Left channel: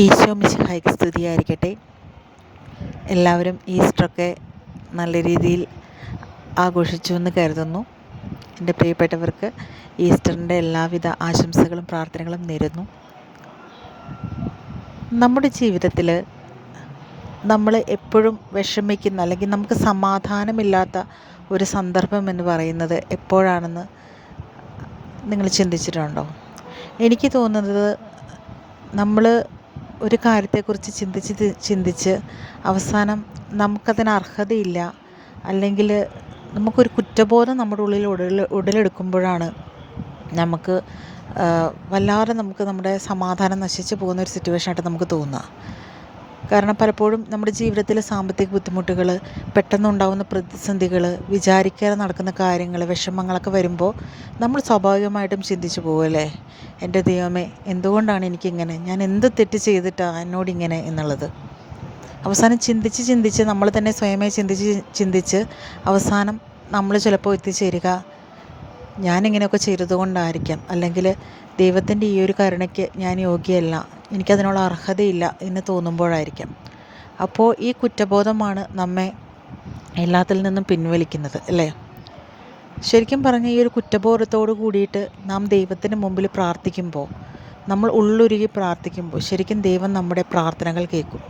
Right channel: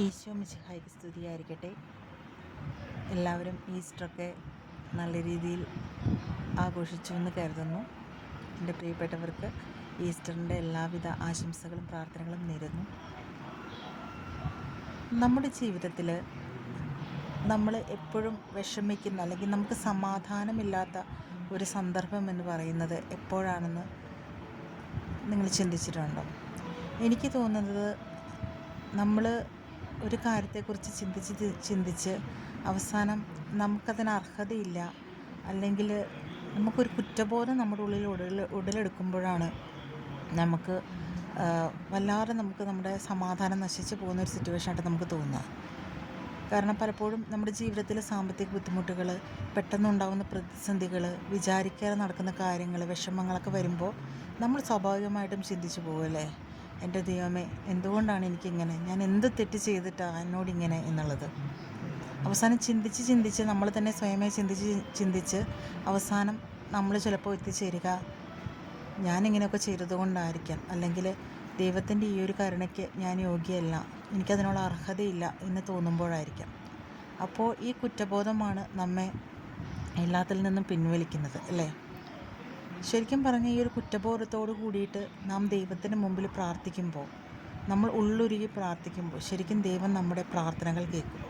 ഈശോ മിശിഹായ്ക്ക് സ്തുതിയായിരിക്കട്ടെ. എല്ലാവരും ഈസ്റ്ററൊക്കെ നല്ല രീതിയിൽ ആഘോഷിച്ചു എന്ന് കരുതുന്നു. എൻ്റെ പ്രിയപ്പെട്ടവർക്ക് ഈസ്റ്ററിൻ്റെ എല്ലാവിധ ആശംസകളും പ്രാർത്ഥനകളും നേരുന്നു. നമ്മുടെ ജീവിതത്തിൽ നമ്മൾ എപ്പോഴും വിഷമിക്കുന്ന അല്ലെങ്കിൽ നമുക്ക് സമാധാനമില്ലാത്ത ഒരു സന്ദർഭം എന്ന് പറയുന്നത് എപ്പോഴാണെന്ന് നിങ്ങൾ ചിന്തിച്ചിട്ടുണ്ടോ? എനിക്ക് തോന്നുന്നത് നമ്മൾ ഒരു കാര്യത്തെക്കുറിച്ച് ചിന്തിച്ച് അവസാനം നമുക്കതിന് അർഹതയില്ല, അല്ലെങ്കിൽ നമുക്കൊരു കുറ്റബോധം നമ്മുടെ ഉള്ളിൽ ഉടലെടുക്കുമ്പോഴാണ് നമുക്ക് വല്ലാതെ നമ്മുടെ സമാധാനം നശിച്ചു പോകുന്ന ഒരു സിറ്റുവേഷനായിട്ട് നമുക്ക് തോന്നുക. കാരണം പലപ്പോഴും നമ്മുടെ ജീവിതത്തിൽ സാമ്പത്തിക ബുദ്ധിമുട്ടുകൾ, പെട്ടെന്നുണ്ടാകുന്ന പ്രതിസന്ധികൾ, വിചാരിക്കാതെ നടക്കുന്ന കാര്യങ്ങൾ, വിഷമങ്ങളൊക്കെ വരുമ്പോൾ നമ്മൾ സ്വാഭാവികമായിട്ടും ചിന്തിച്ചു പോകുമല്ലേ, എൻ്റെ ദൈവമേ എന്തുകൊണ്ടാണ് എനിക്കിങ്ങനെ, ഞാൻ എന്ത് തെറ്റ് ചെയ്തിട്ടാണ് എന്നോടിങ്ങനെ എന്നുള്ളത്. അവസാനം ചിന്തിച്ച് നമ്മൾ തന്നെ സ്വയമേ ചിന്തിച്ച് അവസാനം നമ്മൾ ചിലപ്പോൾ എത്തിച്ചേരുക, ഞാനിങ്ങനെയൊക്കെ ചെയ്തതുകൊണ്ടായിരിക്കാം, അല്ലെങ്കിൽ ദൈവത്തിൻ്റെ ഈ ഒരു കരുണയ്ക്ക് ഞാൻ യോഗ്യയല്ല, എനിക്കതിനുള്ള അർഹതയില്ല എന്ന് തോന്നുമ്പോഴായിരിക്കാം. അപ്പോൾ ഈ കുറ്റബോധമാണ് നമ്മെ എല്ലാത്തിൽ നിന്നും പിൻവലിക്കുന്നത്, അല്ലേ? ശരിക്കും പറഞ്ഞാൽ ഈ ഒരു കുറ്റബോധത്തോട് കൂടിയിട്ട് നാം ദൈവത്തിന് മുമ്പിൽ പ്രാർത്ഥിക്കുമ്പോൾ, നമ്മൾ ഉള്ളുരുകി പ്രാർത്ഥിക്കുമ്പോൾ ശരിക്കും ദൈവം നമ്മുടെ പ്രാർത്ഥനകൾ കേൾക്കും.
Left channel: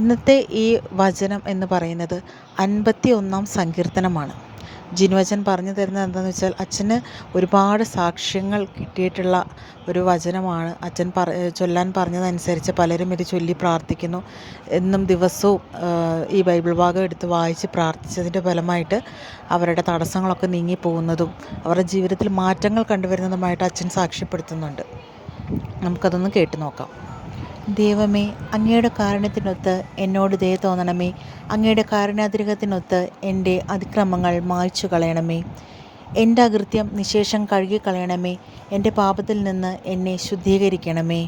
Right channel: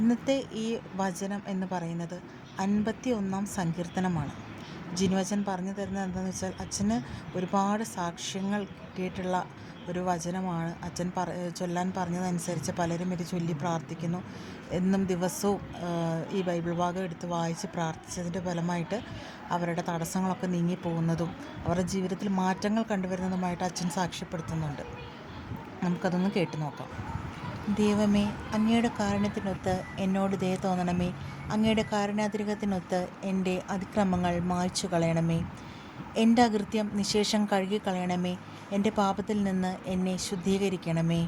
ഇന്നത്തെ ഈ വചനം എന്ന് പറയുന്നത് 51 സങ്കീർത്തനമാണ്. ജിനുവച്ചൻ പറഞ്ഞു തരുന്നത് എന്താണെന്ന് വെച്ചാൽ, അച്ഛന് ഒരുപാട് സാക്ഷ്യങ്ങൾ കിട്ടിയിട്ടുള്ള ഒരു വചനമാണ്. അച്ഛൻ ചൊല്ലാൻ പറഞ്ഞതനുസരിച്ച് പലരും ഇത് ചൊല്ലി പ്രാർത്ഥിക്കുന്നു. എന്നും ദിവസവും ഈ ബൈബിൾ ഭാഗം എടുത്ത് വായിച്ച് പ്രാർത്ഥിച്ചതിൻ്റെ ഫലമായിട്ട് അവരുടെ തടസ്സങ്ങളൊക്കെ നീങ്ങിപ്പോകുന്നതും അവരുടെ ജീവിതത്തിൽ മാറ്റങ്ങൾ കണ്ടുവരുന്നതുമായിട്ട് അച്ഛൻ സാക്ഷ്യപ്പെടുത്തുന്നുണ്ട്. നമുക്കതൊന്ന് കേട്ടു നോക്കാം. ദൈവമേ, അങ്ങയുടെ കാരുണ്യത്തിനൊത്ത് എന്നോട് ദയ തോന്നണമേ. അങ്ങയുടെ കാരുണ്യാതിരകത്തിനൊത്ത് എൻ്റെ അതിക്രമങ്ങൾ മായ്ച്ചു കളയണമേ. എൻ്റെ അകൃത്യം നിശേഷം കഴുകിക്കളയണമേ. എൻ്റെ പാപത്തിൽ നിന്ന് എന്നെ ശുദ്ധീകരിക്കണമേ.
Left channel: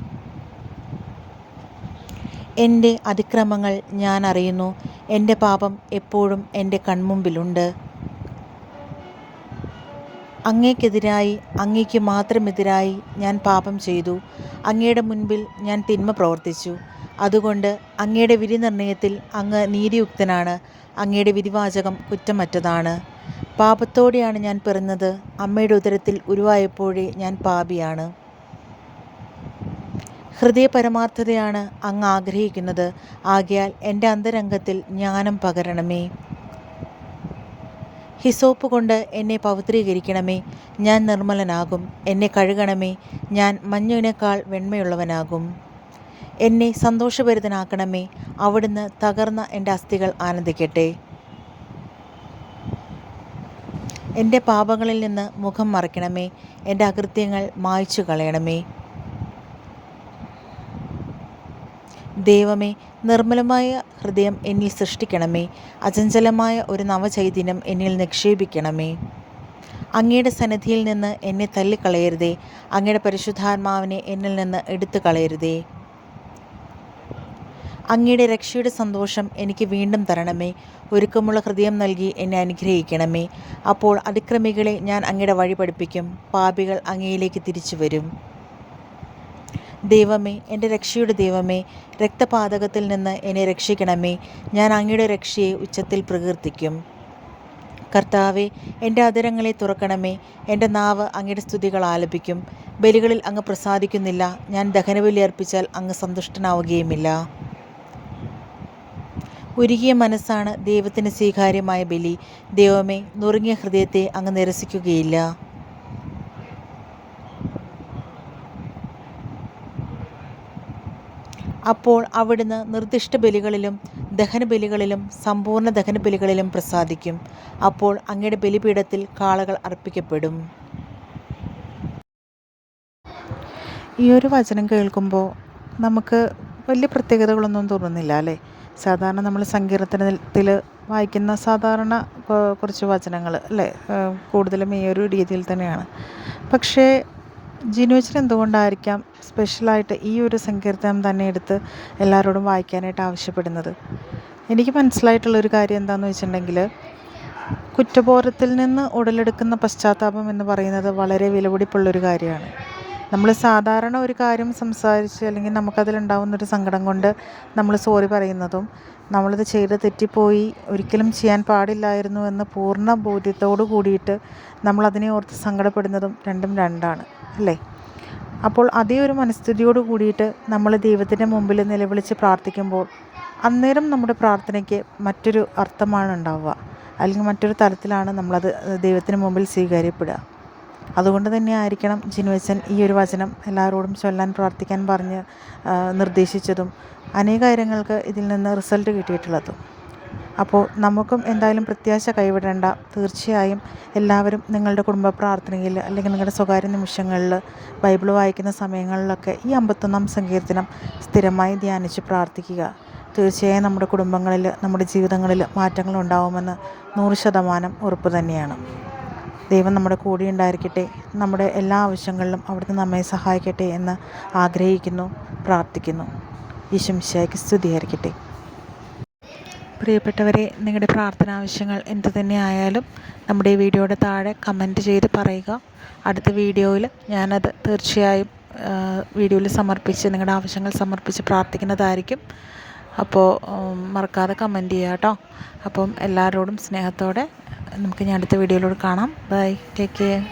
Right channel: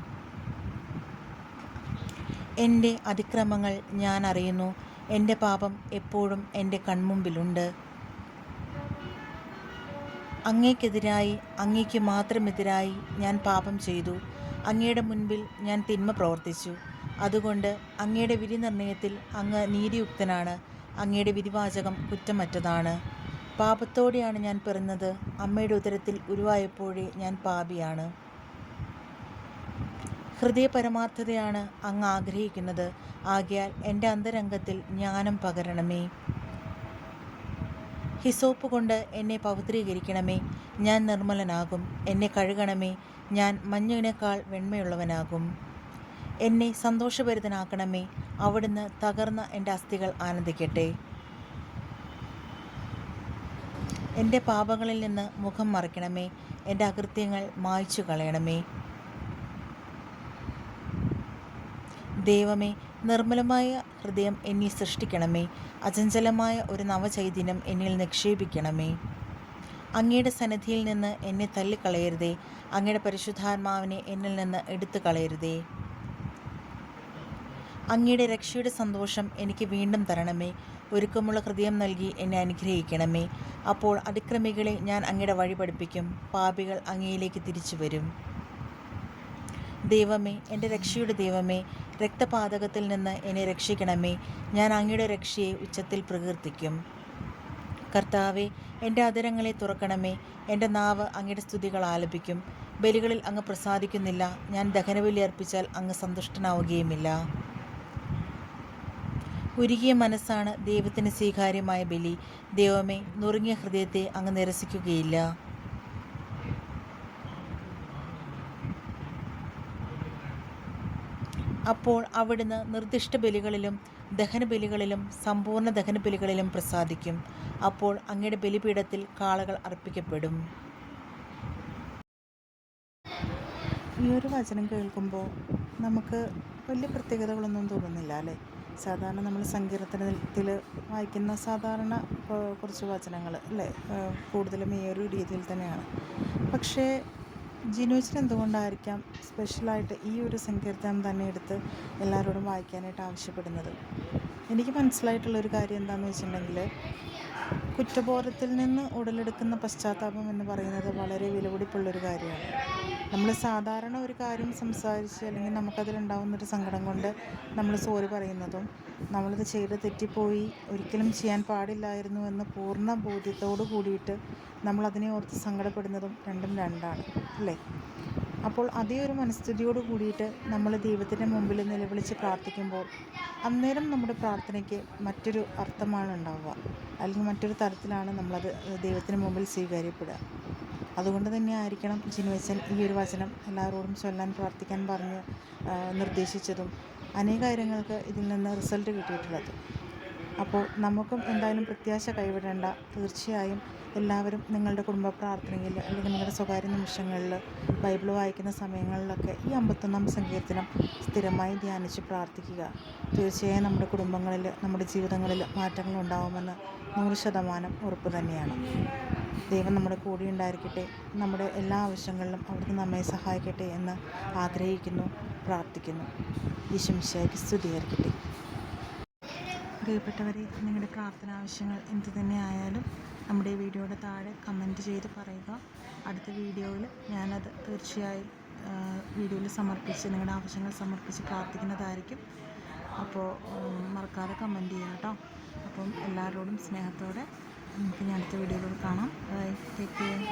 എൻ്റെ അതിക്രമങ്ങൾ ഞാൻ അറിയുന്നു, എൻ്റെ പാപം എപ്പോഴും എൻ്റെ കൺമുമ്പിലുണ്ട്. അങ്ങേക്കെതിരായി, അങ്ങേക്ക് മാത്രമെതിരായി ഞാൻ പാപം ചെയ്തു. അങ്ങയുടെ മുൻപിൽ ഞാൻ തിന്മ പ്രവർത്തിച്ചു. അതുകൊണ്ട് അങ്ങയുടെ വിധി നിർണയത്തിൽ അങ്ങ് നീതിയുക്തനാണ്. അങ്ങയുടെ വിധിവാചകം കുറ്റമറ്റതാണ്. പാപത്തോടെയാണ് ഞാൻ പിറന്നത്. അമ്മയുടെ ഉദരത്തിൽ ഉരുവായപ്പോഴേ ഞാൻ പാപിയാണ്. ഹൃദയപരമാർത്ഥതയാണ് അങ്ങ് ആഗ്രഹിക്കുന്നത്. ആകയാൽ എൻ്റെ അന്തരംഗത്തിൽ ജ്ഞാനം പകരണമേ. ഹിസോപ്പ് കൊണ്ട് എന്നെ പവിത്രീകരിക്കണമേ. ഞാൻ നിർമ്മലനാകും. എന്നെ കഴുകണമേ. ഞാൻ മഞ്ഞിനേക്കാൾ വെണ്മയുള്ളവനാകും. എന്നെ സന്തോഷഭരിതനാക്കണമേ. അവിടുന്ന് തകർന്ന എൻ്റെ അസ്ഥികൾ ആനന്ദിക്കട്ടെ. എൻ്റെ പാപങ്ങളിൽ നിന്ന് മുഖം മറയ്ക്കണമേ. എൻ്റെ അകൃത്യങ്ങൾ മായ്ച്ചു കളയണമേ. ദൈവമേ, നിർമ്മലമായ ഹൃദയം എന്നിൽ സൃഷ്ടിക്കണമേ. അചഞ്ചലമായ ഒരു നവചൈതന്യം എന്നിൽ നിക്ഷേപിക്കണമേ. അങ്ങയുടെ സന്നിധിയിൽ നിന്ന് എന്നെ തള്ളിക്കളയരുതേ. അങ്ങയുടെ പരിശുദ്ധാത്മാവിനെ എന്നിൽ നിന്ന് എടുത്തു കളയരുതേ. അങ്ങയുടെ രക്ഷയുടെ സന്തോഷം എനിക്ക് വീണ്ടും തരണമേ. ഒരുക്കമുള്ള ഹൃദയം നൽകി എന്നെ അനുഗ്രഹിക്കണമേ. അപ്പോൾ അതിക്രമികളെ ഞാൻ അങ്ങയുടെ വഴി പഠിപ്പിക്കും. പാപികൾ അങ്ങയിലേക്ക് തിരിച്ചു വരും. ദൈവമേ, എൻ്റെ രക്ഷയുടെ ദൈവമേ, രക്തപാതകത്തിൽ നിന്ന് എന്നെ രക്ഷിക്കണമേ. ഞാൻ അങ്ങയുടെ രക്ഷയെ ഉച്ചത്തിൽ പ്രകീർത്തിക്കും. കർത്താവെ, എൻ്റെ അധരങ്ങളെ തുറക്കണമേ. എൻ്റെ നാവ് അങ്ങയുടെ സ്തുതികൾ ആലപിക്കും. ബലികളിൽ അങ്ങ് പ്രസാദിക്കുന്നില്ല. ഞാൻ ദഹനബലി അർപ്പിച്ചാൽ അങ്ങ് സന്തുഷ്ടനാവുകയുമില്ല. ഉരുകിയ മനസ്സാണ് ദൈവത്തിന് സ്വീകാര്യമായ ബലി. ദൈവമേ, നുറുങ്ങിയ ഹൃദയത്തെ അങ്ങ് നിരസിക്കുകയില്ല. അപ്പോൾ അവിടുന്ന് നിർദ്ദിഷ്ട ബലികളിലും ദഹനബലികളിലും സമ്പൂർണ്ണ ദഹനബലികളിലും പ്രസാദിക്കും. അപ്പോൾ അങ്ങയുടെ ബലിപീഠത്തിൽ കാളകൾ അർപ്പിക്കപ്പെടും. ഈ ഒരു വചനം കേൾക്കുമ്പോൾ നമുക്ക് വലിയ പ്രത്യേകതകളൊന്നും തോന്നുന്നില്ല, അല്ലേ? സാധാരണ നമ്മൾ സങ്കീർത്തനത്തിൽ വായിക്കുന്ന സാധാരണ കുറച്ച് വചനങ്ങൾ, അല്ലേ? കൂടുതലും ഈ ഒരു രീതിയിൽ തന്നെയാണ്. പക്ഷേ ജിനുവച്ചൻ എന്തുകൊണ്ടായിരിക്കാം സ്പെഷ്യലായിട്ട് ഈ ഒരു സങ്കീർത്തനം തന്നെ എടുത്ത് എല്ലാവരോടും വായിക്കാനായിട്ട് ആവശ്യപ്പെടുന്നത്? എനിക്ക് മനസ്സിലായിട്ടുള്ളൊരു കാര്യം എന്താണെന്ന് വെച്ചിട്ടുണ്ടെങ്കിൽ, കുറ്റബോധത്തിൽ നിന്ന് ഉടലെടുക്കുന്ന പശ്ചാത്താപം എന്ന് പറയുന്നത് വളരെ വിലപിടിപ്പുള്ളൊരു കാര്യമാണ്. നമ്മൾ സാധാരണ ഒരു കാര്യം സംസാരിച്ച് അല്ലെങ്കിൽ നമുക്കതിലുണ്ടാവുന്നൊരു സങ്കടം കൊണ്ട് നമ്മൾ സോറി പറയുന്നതും നമ്മളിത് ചെയ്ത് തെറ്റിപ്പോയി ഒരിക്കലും ചെയ്യാൻ പാടില്ലായിരുന്നു എന്ന് പൂർണ്ണ ബോധ്യത്തോടു കൂടിയിട്ട് നമ്മളതിനെ ഓർത്ത് സങ്കടപ്പെടുന്നതും രണ്ടും രണ്ടാണ് അല്ലേ? അപ്പോൾ അതേ ഒരു മനസ്ഥിതിയോട് കൂടിയിട്ട് നമ്മൾ ദൈവത്തിൻ്റെ മുമ്പിൽ നിലവിളിച്ച് പ്രാർത്ഥിക്കുമ്പോൾ അന്നേരം നമ്മുടെ പ്രാർത്ഥനയ്ക്ക് മറ്റൊരു അർത്ഥമാണ് ഉണ്ടാവുക, അല്ലെങ്കിൽ മറ്റൊരു തലത്തിലാണ് നമ്മളത് ദൈവത്തിന് മുമ്പിൽ സ്വീകാര്യപ്പെടുക. അതുകൊണ്ട് തന്നെ ആയിരിക്കണം ജിനുവച്ചൻ ഈ ഒരു വചനം എല്ലാവരോടും ചൊല്ലാൻ പ്രാർത്ഥിക്കാൻ പറഞ്ഞ് നിർദ്ദേശിച്ചതും അനേക കാര്യങ്ങൾക്ക് ഇതിൽ നിന്ന് റിസൾട്ട് കിട്ടിയിട്ടുള്ളതും. അപ്പോൾ നമുക്കും എന്തായാലും പ്രത്യാശ കൈവിടേണ്ട. തീർച്ചയായും എല്ലാവരും നിങ്ങളുടെ കുടുംബ പ്രാർത്ഥനയിൽ അല്ലെങ്കിൽ നിങ്ങളുടെ സ്വകാര്യ നിമിഷങ്ങളിൽ ബൈബിൾ വായിക്കുന്ന സമയങ്ങളിലൊക്കെ ഈ 51-ാം സങ്കീർത്തനം സ്ഥിരമായി ധ്യാനിച്ച് പ്രാർത്ഥിക്കുക. തീർച്ചയായും നമ്മുടെ കുടുംബങ്ങളിൽ, നമ്മുടെ ജീവിതങ്ങളിൽ മാറ്റങ്ങൾ ഉണ്ടാവുമെന്ന് 100% ഉറപ്പ് തന്നെയാണ്. ദൈവം നമ്മുടെ കൂടെ ഉണ്ടായിരിക്കട്ടെ. നമ്മുടെ എല്ലാ ആവശ്യങ്ങളിലും അവിടുന്ന് നമ്മെ സഹായിക്കട്ടെ എന്ന് ആഗ്രഹിക്കുന്നു, പ്രാർത്ഥിക്കുന്നു. ഈശോ മിശിഹായ്ക്ക് സ്തുതിയായിരിക്കട്ടെ. പ്രിയപ്പെട്ടവരെ, നിങ്ങളുടെ പ്രാർത്ഥന ആവശ്യങ്ങൾ എന്തു തന്നെ ആയാലും നമ്മുടെ ഈ വീഡിയോയുടെ താഴെ കമൻറ്റ് ചെയ്ത് പറയുക. അടുത്ത വീഡിയോയിൽ ഞാനത് തീർച്ചയായും വീഡിയോയിൽ സമർപ്പിച്ച് നിങ്ങളുടെ ആവശ്യങ്ങൾ സമർപ്പിച്ച് പ്രാർത്ഥിക്കുന്നതായിരിക്കും. അപ്പോൾ മറക്കാതെ കമൻറ്റ് ചെയ്യുക കേട്ടോ. അപ്പം എല്ലാവരോടും സ്നേഹത്തോടെ നമുക്ക് ഇനി അടുത്ത വീഡിയോയിലൂടെ കാണാം. Bye, take care.